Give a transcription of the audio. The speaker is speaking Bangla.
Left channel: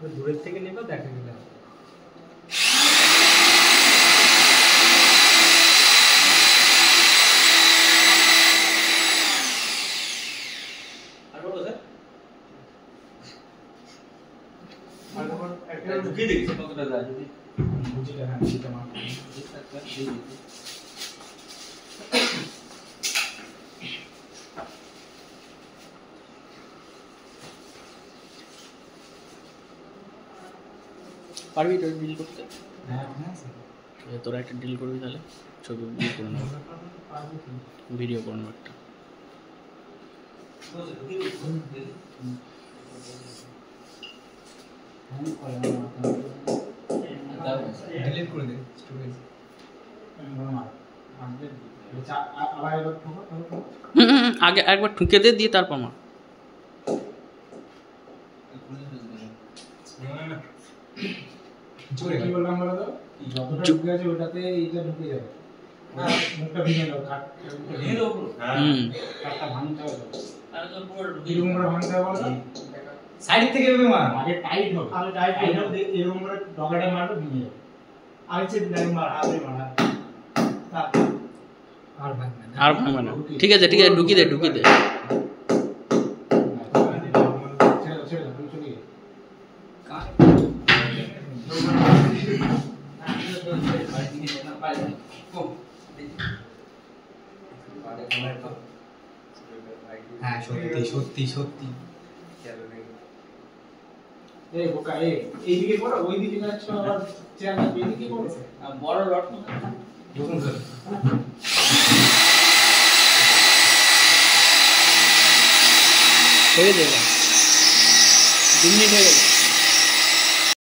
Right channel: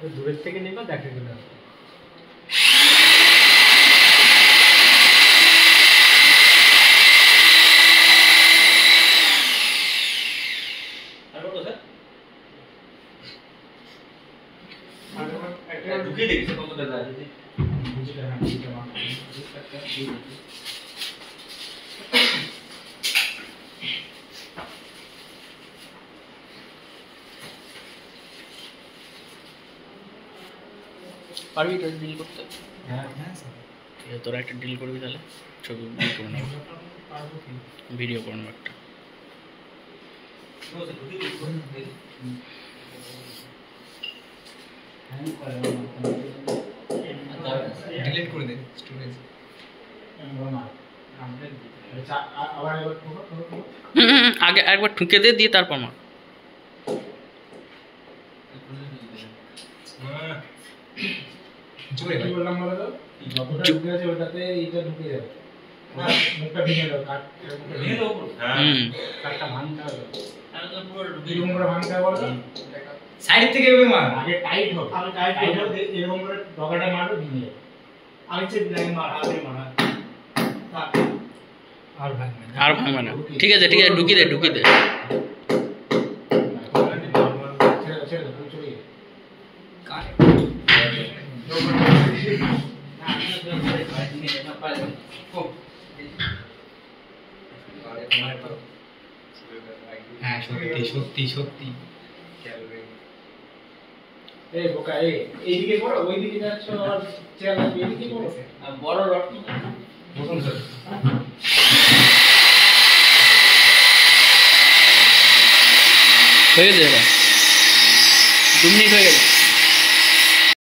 দূরের থেকে নেবে দেখা গেল আর বলো স্যার একটা ঢুকিয়ে দেখি কতটা যায় যদি বুঝলে হ্যাঁ এটা মা একটা দিয়ে দিই পারবি তো ডিল করতে? হ্যাঁ হ্যাঁ স্যার তোরা একটা ডিল করবি তাহলে ছবি ডিল করে নেব ভিডিও করে নেব একটা ডিলিট করে দে স্টোরেজ আগে একবার ঠুকে দিয়ে তারপর মা জোরে কি বললাম বলো তো যতটা ঢুকে আছে ওটাতে এইটা ঢুকে যাবে মুখটা ভেঙে দাও কাট ভেঙে দাও পুরো কাটটা ভাঙতে হবে আর পুরো এরকম করে ভাঙতে হবে বলো সাইড থেকে এভাবে মার আগে টাইট হবে আগে টাইট হবে এরকম করে ডগাটা মারো ভেঙে যাবে আগে চেপ লাগে মার আগে মার আর ভাঙবে না ঠিক আছে ঢুকি দে হ্যাঁ সত্যি এই বোকা এইদিকে করো ওইদিকে যাচ্ছ আর চেয়ার লাগবে এইদিকে করো বড় রড দেখুন স্যার হয়ে যাবে 2 মিনিট হয়ে গেল